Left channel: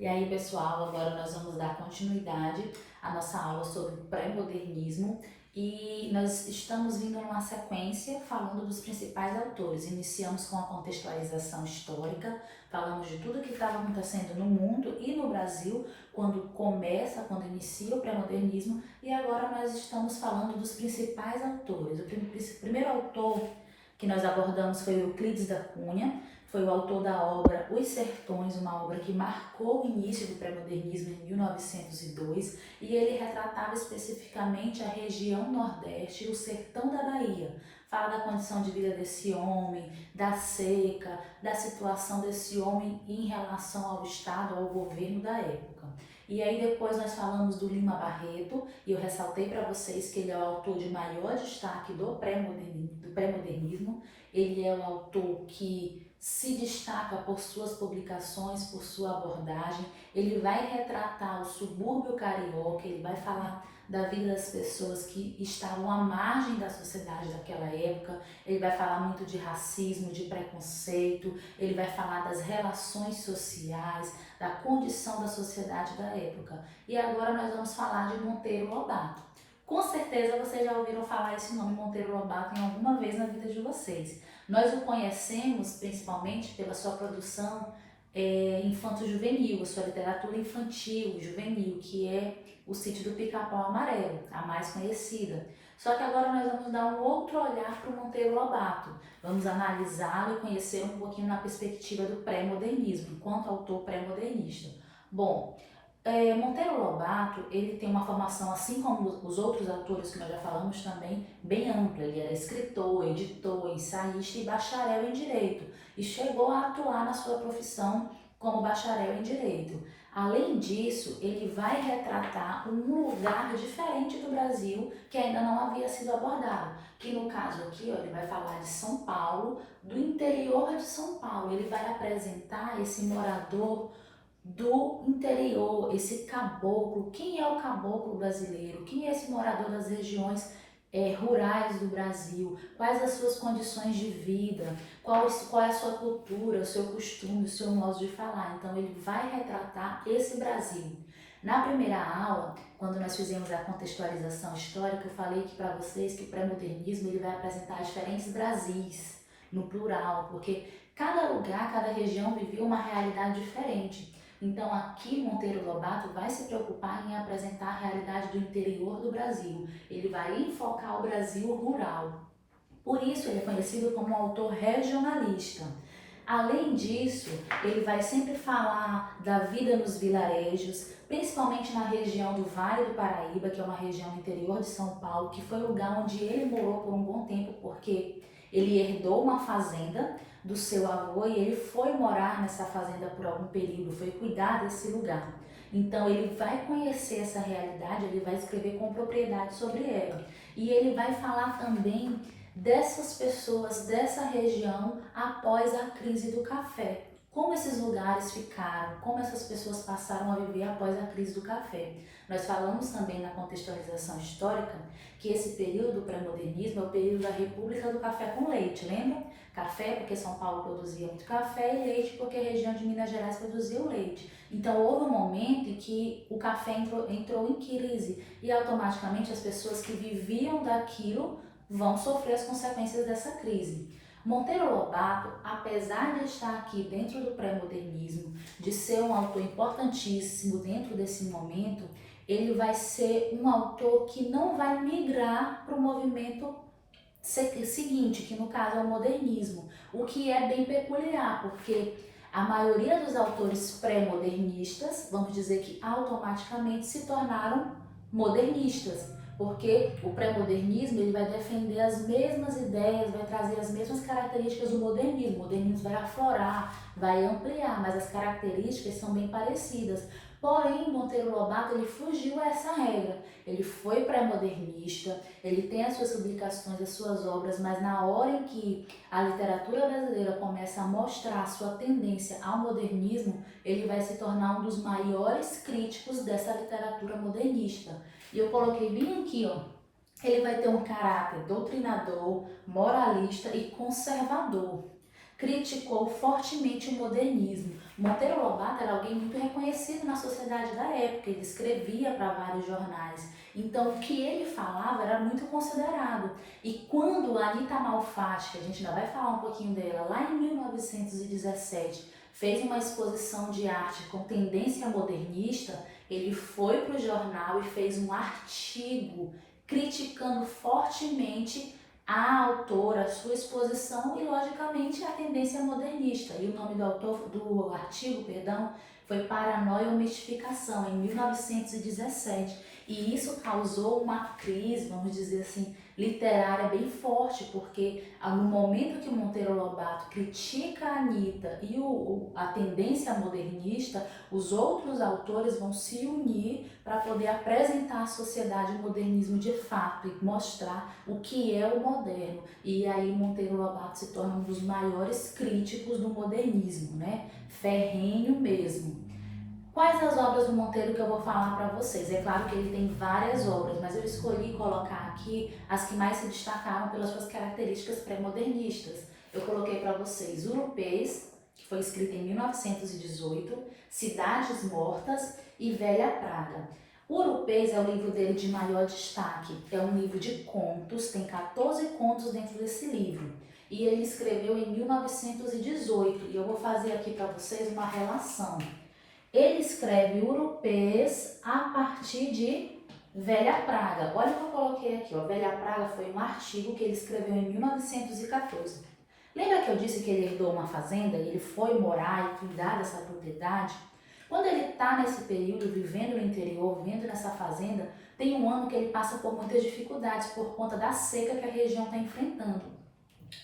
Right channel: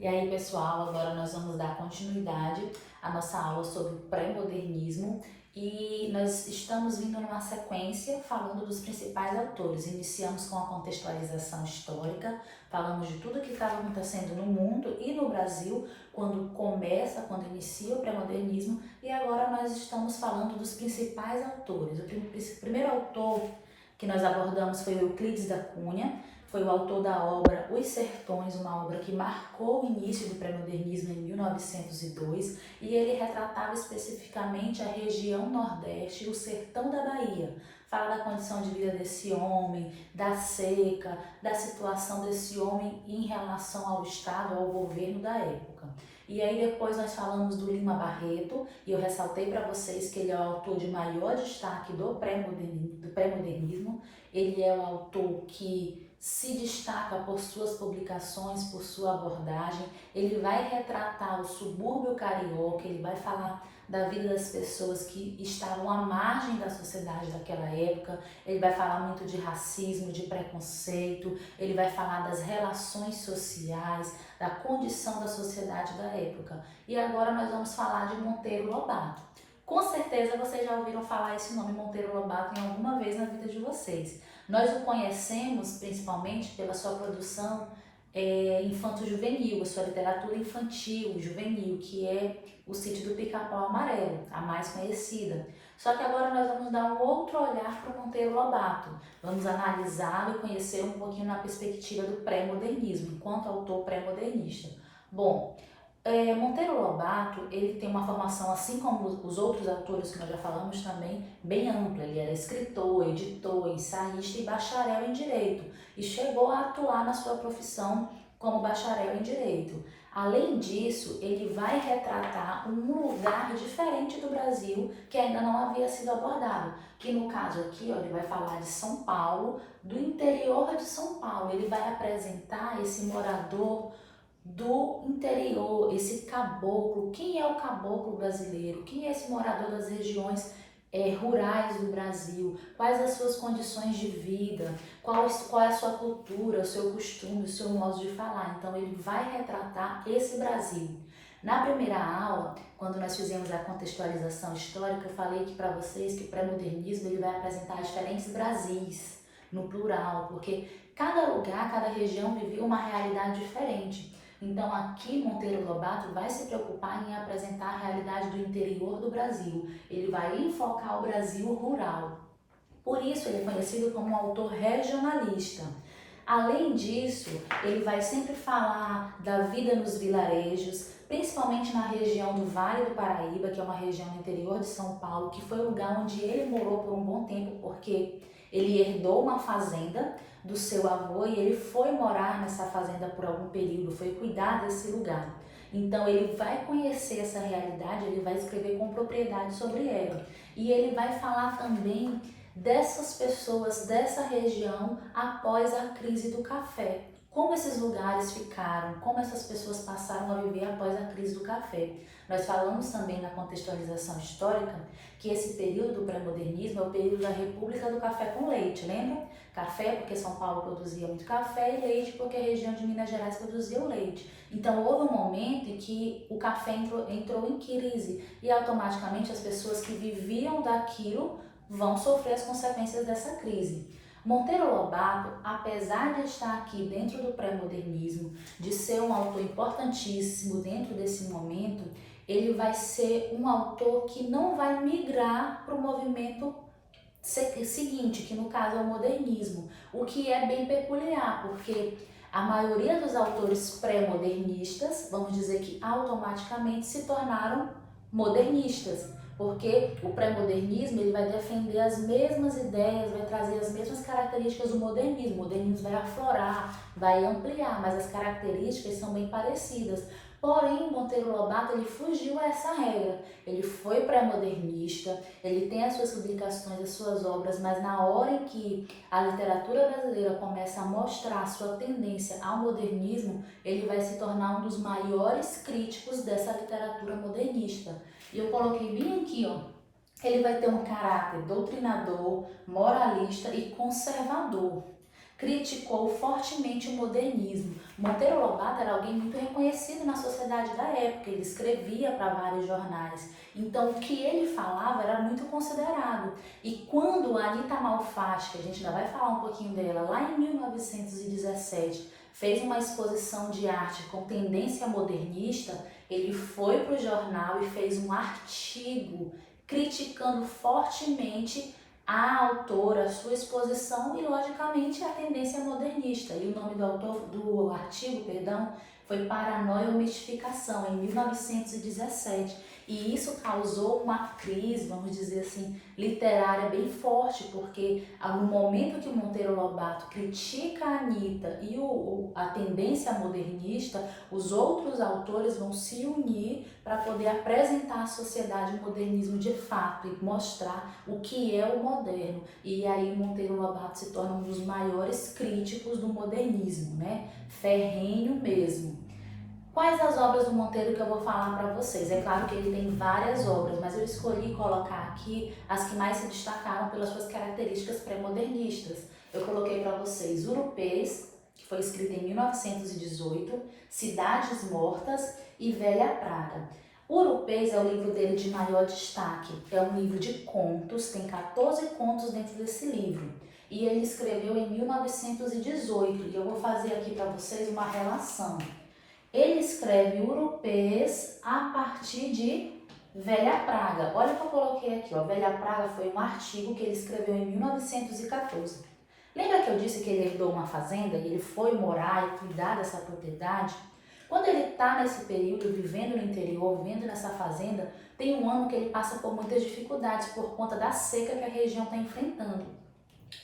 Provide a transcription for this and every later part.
E aí, pessoal, agora nós vamos dar continuidade à nossa aula sobre o pré-modernismo e nós estamos vindo numa sequência falando dos principais autores. Iniciamos com a contextualização histórica, falamos de tudo que estava acontecendo no mundo e no Brasil quando inicia o pré-modernismo, e agora nós estamos falando dos principais autores. O primeiro autor que nós abordamos foi Euclides da Cunha. Foi o autor da obra Os Sertões, uma obra que marcou o início do pré-modernismo em 1902, e ele retratava especificamente a região Nordeste, o sertão da Bahia. Fala da condição de vida desse homem, da seca, da situação desse homem em relação ao Estado, ao governo da época. E aí depois nós falamos do Lima Barreto, e eu ressaltei para vocês que ele é o autor de maior destaque do pré-modernismo. Ele é o autor que se destaca por suas publicações, por sua abordagem. Ele vai retratar o subúrbio carioca, ele vai falar da vida das pessoas que estavam à margem da sociedade daquela época. Ele vai falar muito de racismo, de preconceito, ele vai falar das relações sociais, da condição da sociedade da época. E agora nós vamos falar de Monteiro Lobato. Com certeza vocês já ouviram falar esse nome Monteiro Lobato em alguma vez na vida de vocês. Nós o conhecemos principalmente pela sua produção infanto-juvenil, a sua literatura infantil, juvenil, que é O Sítio do Pica-Pau Amarelo, a mais conhecida. Só que agora nós vamos dar um outro olhar para o Monteiro Lobato. Vamos analisá-lo e conhecer um pouquinho na perspectiva do pré-modernismo, enquanto autor pré-modernista. Bom, Monteiro Lobato, ele tem uma formação, assim como os outros autores que nós já falamos também, bem ampla. Ele era escritor, editor, ensaísta e bacharel em Direito, e chegou a atuar na sua profissão como bacharel em Direito. Além disso, ele vai retratar um lugar diferente do Brasil que ainda não havia sido abordado, que no caso aqui, ó, ele vai falar de São Paulo, do interior de São Paulo. Ele vai apresentar esse morador do interior, esse caboclo. Quem é o caboclo brasileiro? Quem é esse morador das regiões rurais do Brasil? Quais as suas condições de vida? Qual é a sua cultura, o seu costume, o seu modo de falar? Então ele vai retratar esse Brasil. Na primeira aula, quando nós fizemos a contextualização histórica, eu falei que para vocês que o pré-modernismo ele vai apresentar diferentes Brasis, no plural, porque cada lugar, cada região vivia uma realidade diferente. Então aqui Monteiro Lobato vai se preocupar em apresentar a realidade do interior do Brasil. Ele vai enfocar o Brasil rural. Por isso ele é conhecido como um autor regionalista. Além disso, ele vai sempre falar da vida nos vilarejos, principalmente na região do Vale do Paraíba, que é uma região do interior de São Paulo, que foi o lugar onde ele morou por um bom tempo, porque ele herdou uma fazenda do seu avô e ele foi morar nessa fazenda por algum período, foi cuidar desse lugar. Então ele vai conhecer essa realidade, ele vai escrever com propriedade sobre ela. E ele vai falar também dessas pessoas, dessa região após a crise do café. Como esses lugares ficaram, como essas pessoas passaram a viver após a crise do café. Nós falamos também na contextualização histórica que esse período pré-modernismo é o período da República do Café com Leite, lembra? Café porque São Paulo produzia muito café e leite porque a região de Minas Gerais produzia o leite. Então houve um momento em que o café entrou em crise e automaticamente as pessoas que viviam daquilo vão sofrer as consequências dessa crise. Monteiro Lobato, apesar de estar aqui dentro do pré-modernismo, de ser um autor importantíssimo dentro desse momento, ele vai ser um autor que não vai migrar para o movimento seguinte, que no caso é o modernismo, o que é bem peculiar, porque a maioria dos autores pré-modernistas, vamos dizer que automaticamente se tornaram modernistas, porque o pré-modernismo ele vai defender as mesmas ideias, vai trazer as mesmas características do modernismo. O modernismo vai aflorar, vai ampliar, mas as características são bem parecidas. Porém, Monteiro Lobato ele fugiu a essa regra. Ele foi pré-modernista, ele tem as suas publicações, as suas obras, mas na hora em que a literatura brasileira começa a mostrar a sua tendência ao modernismo, ele vai se tornar um dos maiores críticos dessa literatura modernista. E eu coloquei bem aqui, ó, ele vai ter um caráter doutrinador, moralista e conservador. Criticou fortemente o modernismo. Monteiro Lobato Lobato era alguém muito reconhecido na sociedade da época, ele escrevia para vários jornais. Então, o que ele falava era muito considerado. E quando a Anita Malfatti, que a gente ainda vai falar um pouquinho dela, lá em 1917, fez uma exposição de arte com tendência modernista, ele foi para o jornal e fez um artigo criticando fortemente a autora, a sua exposição e, logicamente, a tendência modernista. E o nome do artigo, foi Paranoia ou Mistificação, em 1917. E isso causou uma crise, vamos dizer assim, literária bem forte, porque no momento que Monteiro Lobato critica a Anita e a tendência modernista, os outros autores vão se unir para poder apresentar à sociedade o modernismo de fato e mostrar o que é o moderno. E aí Monteiro Lobato se torna um dos maiores críticos do modernismo, né? Ferrenho mesmo. Quais as obras do Monteiro que eu vou falar para vocês? É claro que ele tem várias obras, mas eu escolhi colocar aqui as que mais se destacaram pelas suas características pré-modernistas. Eu coloquei para vocês Urupês, que foi escrito em 1918, Cidades Mortas e Velha Praga. Urupês é o livro dele de maior destaque. É um livro de contos, tem 14 contos dentro desse livro. E ele escreveu em 1918, e eu vou fazer aqui para vocês uma relação. Ele escreve Urupês a partir de Velha Praga. Olha o que eu coloquei aqui, ó. Velha Praga foi um artigo que ele escreveu em 1914. Lembra que eu disse que ele herdou uma fazenda e ele foi morar e cuidar dessa propriedade? Quando ele está nesse período, vivendo no interior, vivendo nessa fazenda, tem um ano que ele passa por muitas dificuldades por conta da seca que a região está enfrentando.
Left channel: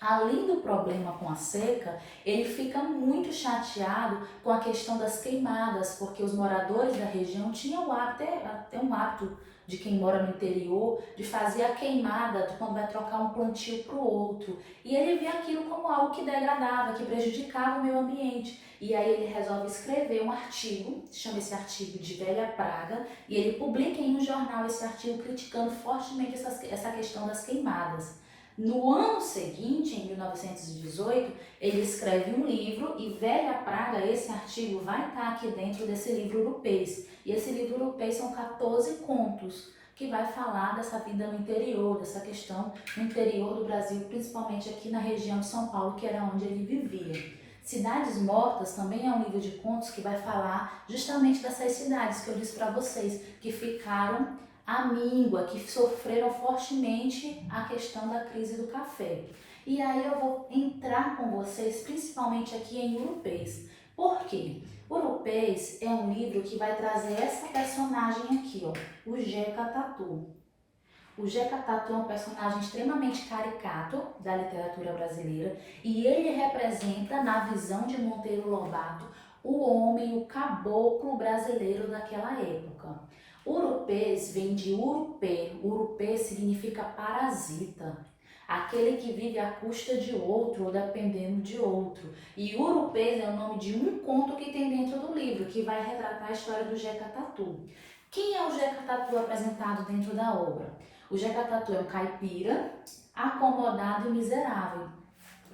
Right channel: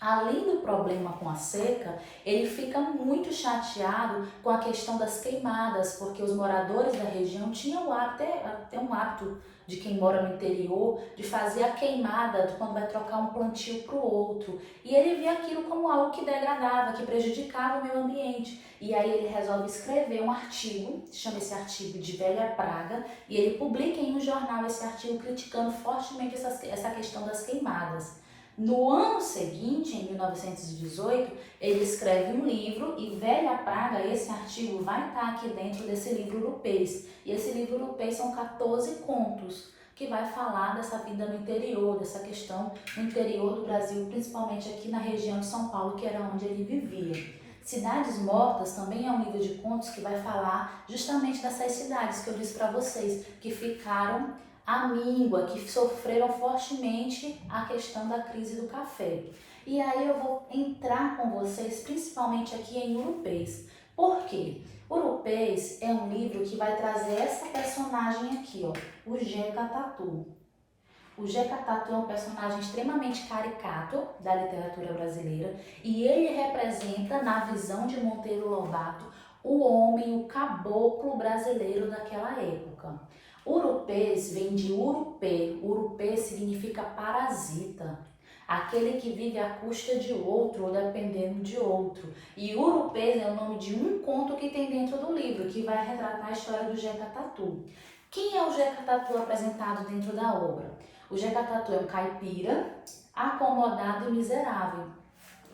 Além do problema com a seca, ele fica muito chateado com a questão das queimadas, porque os moradores da região tinham o hábito, até um hábito de quem mora no interior, de fazer a queimada de quando vai trocar um plantio para o outro. E ele vê aquilo como algo que degradava, que prejudicava o meio ambiente. E aí ele resolve escrever um artigo, chama esse artigo de Velha Praga, e ele publica em um jornal esse artigo criticando fortemente essa questão das queimadas. No ano seguinte, em 1918, ele escreve um livro e Velha Praga, esse artigo vai estar aqui dentro desse livro Urupês. E esse livro Urupês são 14 contos que vai falar dessa vida no interior, dessa questão no interior do Brasil, principalmente aqui na região de São Paulo, que era onde ele vivia. Cidades Mortas também é um livro de contos que vai falar justamente dessas cidades que eu disse para vocês, que ficaram à míngua, que sofreram fortemente a questão da crise do café. E aí eu vou entrar com vocês principalmente aqui em Urupês. Por quê? Urupês é um livro que vai trazer essa personagem aqui, ó, o Jeca Tatu. O Jeca Tatu é um personagem extremamente caricato da literatura brasileira e ele representa, na visão de Monteiro Lobato, o homem, o caboclo brasileiro daquela época. Urupês vem de urupê. Urupê significa parasita, aquele que vive à custa de outro ou dependendo de outro. E Urupês é o nome de um conto que tem dentro do livro, que vai retratar a história do Jeca Tatu. Quem é o Jeca Tatu apresentado dentro da obra? O Jeca Tatu é um caipira, acomodado e miserável.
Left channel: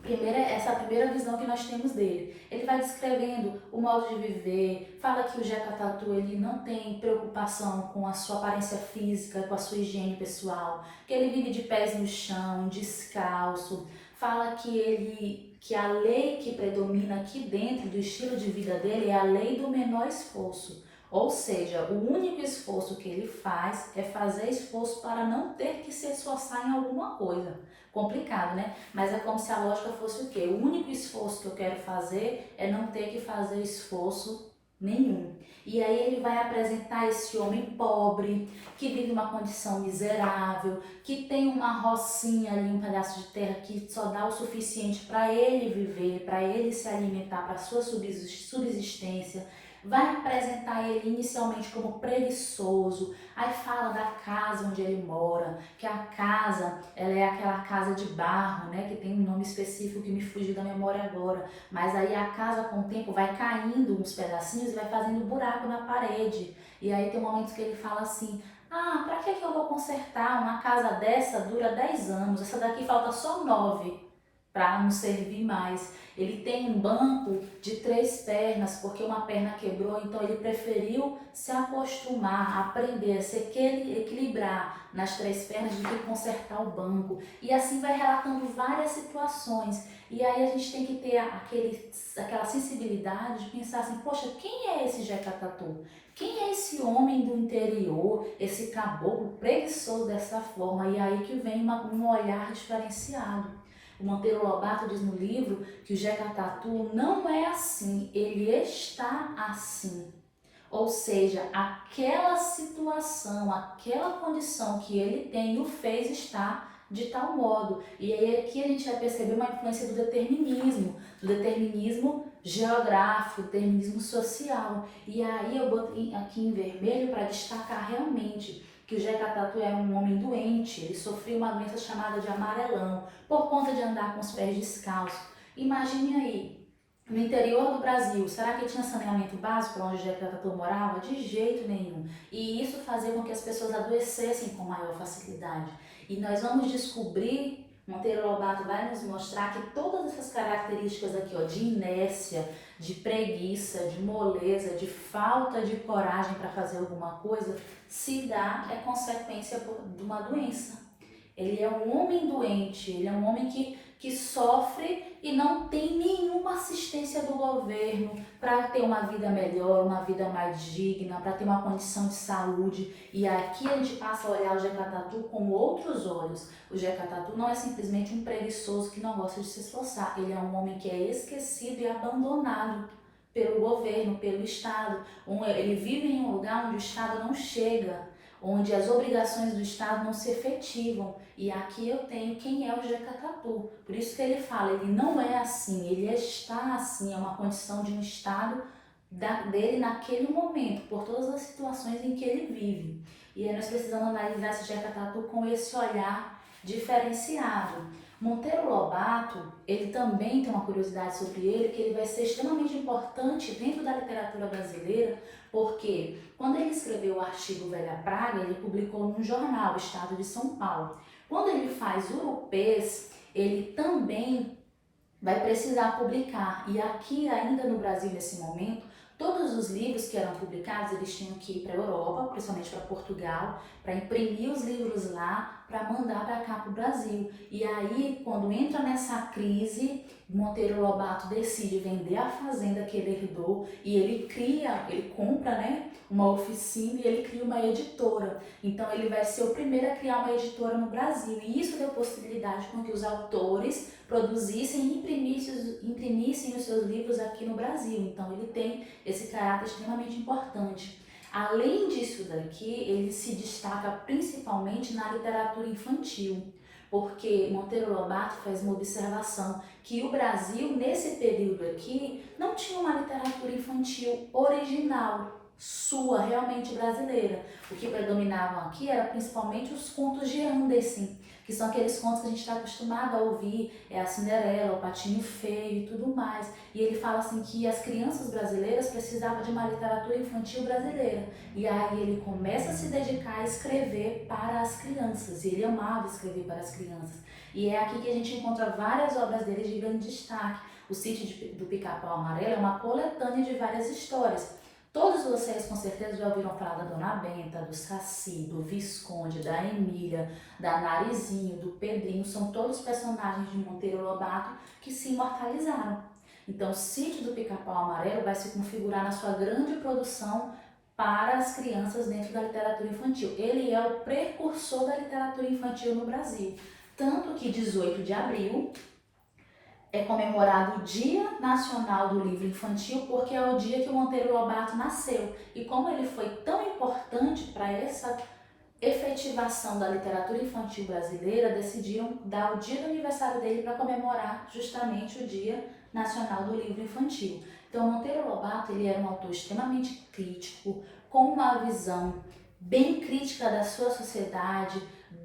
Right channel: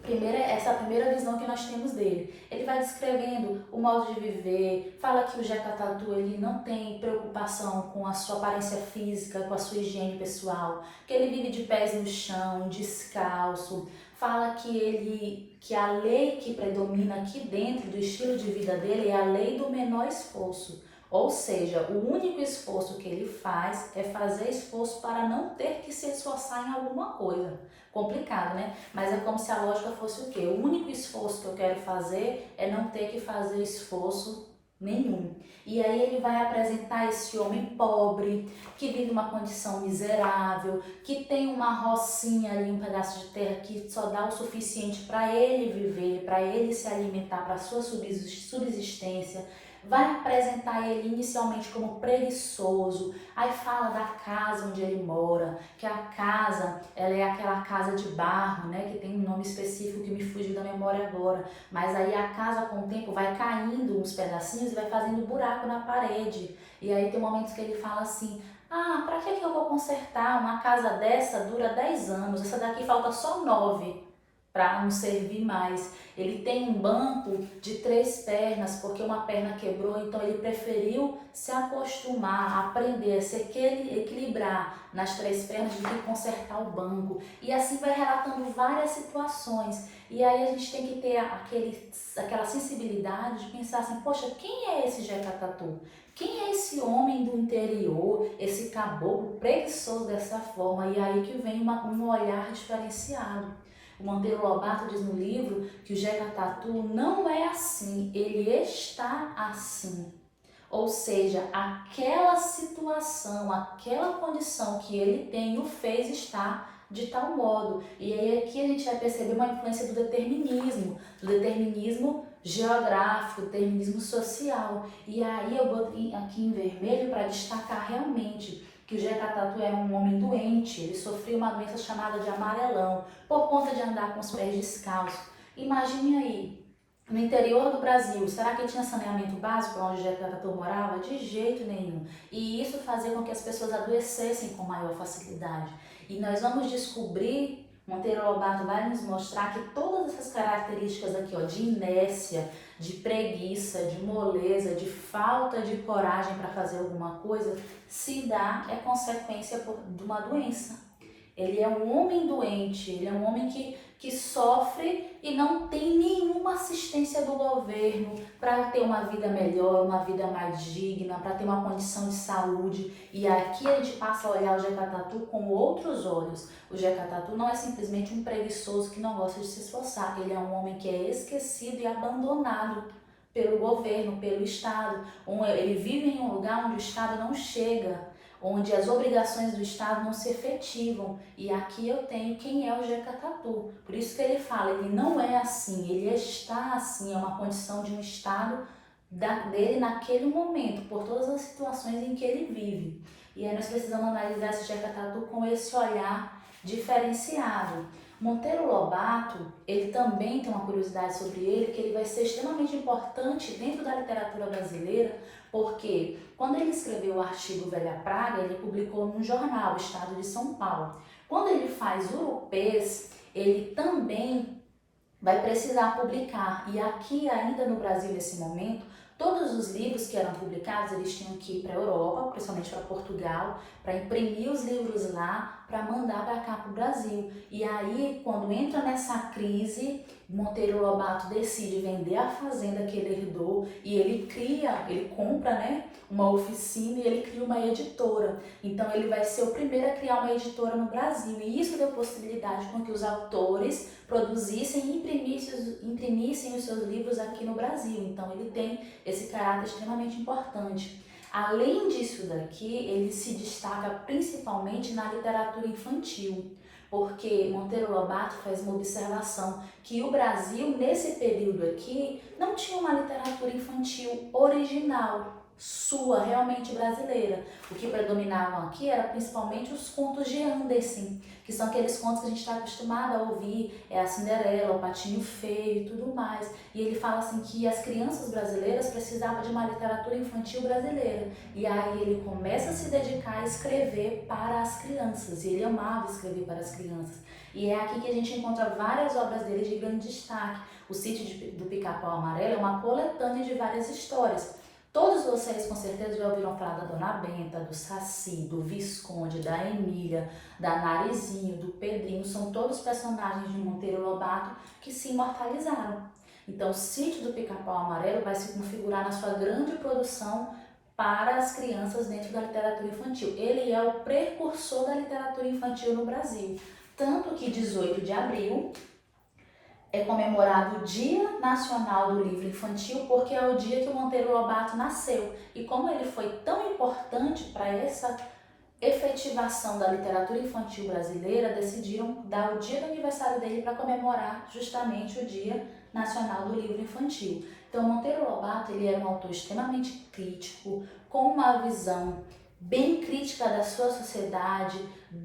Essa é a primeira visão que nós temos dele. Ele vai descrevendo o modo de viver, fala que o Jeca Tatu ele não tem preocupação com a sua aparência física, com a sua higiene pessoal, que ele vive de pés no chão, descalço. Fala que a lei que predomina aqui dentro do estilo de vida dele é a lei do menor esforço. Ou seja, o único esforço que ele faz é fazer esforço para não ter que se esforçar em alguma coisa. Complicado, né? Mas é como se a lógica fosse o quê? O único esforço que eu quero fazer é não ter que fazer esforço nenhum. E aí ele vai apresentar esse homem pobre, que vive uma condição miserável, que tem uma rocinha ali, um pedaço de terra que só dá o suficiente para ele viver, para ele se alimentar, para a sua subsistência. Vai apresentar ele inicialmente como preguiçoso, aí fala da casa onde ele mora, que a casa ela é aquela casa de barro, né, que tem um nome específico que me fugiu da memória agora, mas aí a casa com o tempo vai caindo uns pedacinhos, vai fazendo buraco na parede, e aí tem momentos que ele fala assim, pra que eu vou consertar? Uma casa dessa dura 10 anos, essa daqui falta só 9 para não servir mais. Ele tem um banco de 3 pernas, porque uma perna quebrou, então ele preferiu se acostumar, aprender a se equilibrar nas 3 pernas do que consertar o banco. E assim vai relatando várias situações. E aí a gente tem que ter aquela sensibilidade de pensar assim, poxa, quem é esse Jeca Tatu? Quem é esse homem do interior, esse caboclo preguiçoso dessa forma? E aí que vem um olhar diferenciado. O Monteiro Lobato diz no livro que o Jeca Tatu não é assim, ele está assim. Ou seja, aquela situação, aquela condição que ele tem o fez estar de tal modo. E aí aqui a gente vai perceber uma influência do determinismo geográfico, do determinismo social. E aí eu botei aqui em vermelho para destacar realmente que o Jeca Tatu era um homem doente, ele sofria uma doença chamada de amarelão, por conta de andar com os pés descalços. Imagine aí, no interior do Brasil, será que tinha saneamento básico onde o Jeca Tatu morava? De jeito nenhum. E isso fazia com que as pessoas adoecessem com maior facilidade. E nós vamos descobrir, Monteiro Lobato vai nos mostrar que todas essas características aqui, ó, de inércia, de preguiça, de moleza, de falta de coragem para fazer alguma coisa, se dá, é consequência de uma doença. Ele é um homem doente, ele é um homem que sofre e não tem nenhuma assistência do governo para ter uma vida melhor, uma vida mais digna, para ter uma condição de saúde. E aqui a gente passa a olhar o Jeca Tatu com outros olhos. O Jeca Tatu não é simplesmente um preguiçoso que não gosta de se esforçar. Ele é um homem que é esquecido e abandonado pelo governo, pelo Estado. Ele vive em um lugar onde o Estado não chega, onde as obrigações do Estado não se efetivam. E aqui eu tenho quem é o Jeca Tatu. Por isso que ele fala, ele não é assim, ele está assim, é uma condição de um Estado dele naquele momento, por todas as situações em que ele vive. E aí nós precisamos analisar esse Jeca Tatu com esse olhar diferenciado. Monteiro Lobato, ele também tem uma curiosidade sobre ele, que ele vai ser extremamente importante dentro da literatura brasileira, porque quando ele escreveu o artigo Velha Praga, ele publicou no jornal, o Estado de São Paulo. Quando ele faz Urupês, ele também vai precisar publicar. E aqui, ainda no Brasil, nesse momento, todos os livros que eram publicados, eles tinham que ir para a Europa, principalmente para Portugal, para imprimir os livros lá, para mandar para cá para o Brasil. E aí, quando entra nessa crise, Monteiro Lobato decide vender a fazenda que ele herdou e ele compra, né, uma oficina e ele cria uma editora. Então ele vai ser o primeiro a criar uma editora no Brasil. E isso deu possibilidade com que os autores produzissem e imprimissem os seus livros aqui no Brasil. Então ele tem esse caráter extremamente importante. Além disso daqui, ele se destaca principalmente na literatura infantil, porque Monteiro Lobato faz uma observação que o Brasil, nesse período aqui, não tinha uma literatura infantil original, sua, realmente brasileira. O que predominavam aqui era principalmente os contos de Andersen, que são aqueles contos que a gente está acostumado a ouvir, a Cinderela, o Patinho Feio e tudo mais. E ele fala assim que as crianças brasileiras precisavam de uma literatura infantil brasileira. E aí ele começa a se dedicar a escrever para as crianças, e ele amava escrever para as crianças. E é aqui que a gente encontra várias obras dele de grande destaque. O Sítio do Pica-Pau Amarelo é uma coletânea de várias histórias. Todos vocês com certeza já ouviram falar da Dona Benta, do Saci, do Visconde, da Emília, da Narizinho, do Pedrinho. São todos personagens de Monteiro Lobato que se imortalizaram. Então o Sítio do Pica-Pau Amarelo vai se configurar na sua grande produção para as crianças dentro da literatura infantil. Ele é o precursor da literatura infantil no Brasil. Tanto que 18 de abril é comemorado o Dia Nacional do Livro Infantil, porque é o dia que o Monteiro Lobato nasceu. E como ele foi tão importante para essa efetivação da literatura infantil brasileira, decidiram dar o dia do aniversário dele para comemorar justamente o Dia Nacional do Livro Infantil. Então, Monteiro Lobato, ele era um autor extremamente crítico, com uma visão bem crítica da sua sociedade,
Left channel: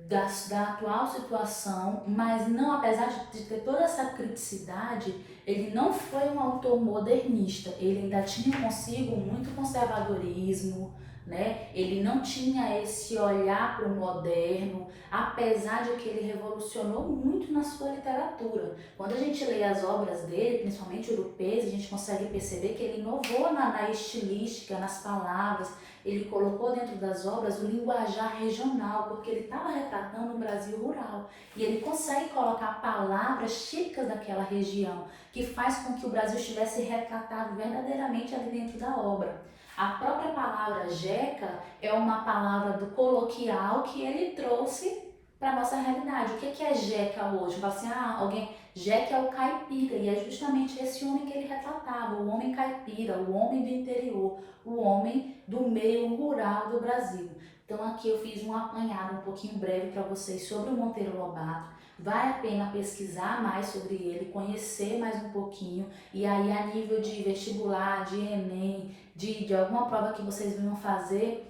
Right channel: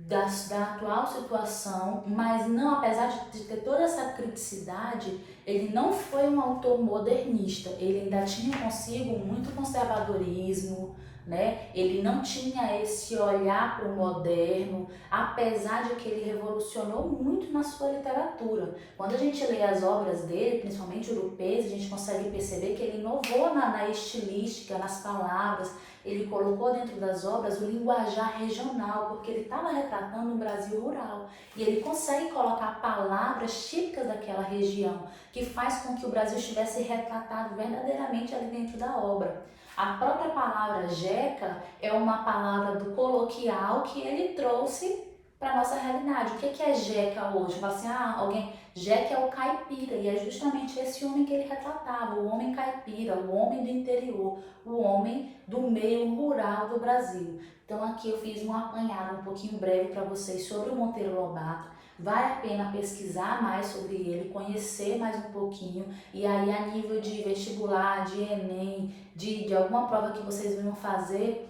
da atual situação, mas não, apesar de ter toda essa criticidade, ele não foi um autor modernista, ele ainda tinha consigo muito conservadorismo, né? Ele não tinha esse olhar para o moderno, apesar de que ele revolucionou muito na sua literatura. Quando a gente lê as obras dele, principalmente Urupês, a gente consegue perceber que ele inovou na estilística, nas palavras, ele colocou dentro das obras o linguajar regional, porque ele estava retratando um Brasil rural. E ele consegue colocar palavras típicas daquela região, que faz com que o Brasil estivesse retratado verdadeiramente ali dentro da obra. A própria palavra jeca é uma palavra do coloquial que ele trouxe para a nossa realidade. O que é jeca hoje? Fala assim, jeca é o caipira, e é justamente esse homem que ele retratava, o homem caipira, o homem do interior, o homem do meio rural do Brasil. Então aqui eu fiz um apanhado um pouquinho breve para vocês sobre o Monteiro Lobato. Vale a pena pesquisar mais sobre ele, conhecer mais um pouquinho, e aí a nível de vestibular, de Enem, de alguma prova que vocês venham fazer,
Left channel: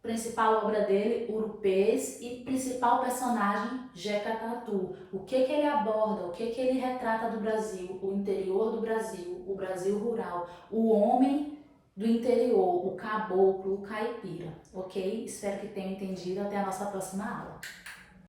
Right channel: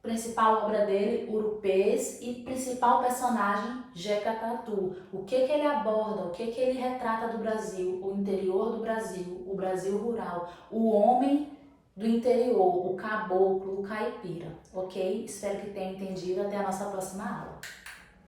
principal obra dele, Urupês, e principal personagem, Jeca Tatu. O que ele aborda, o que ele retrata do Brasil, o interior do Brasil, o Brasil rural, o homem do interior, o caboclo, o caipira, ok? Espero que tenham entendido. Até a nossa próxima aula.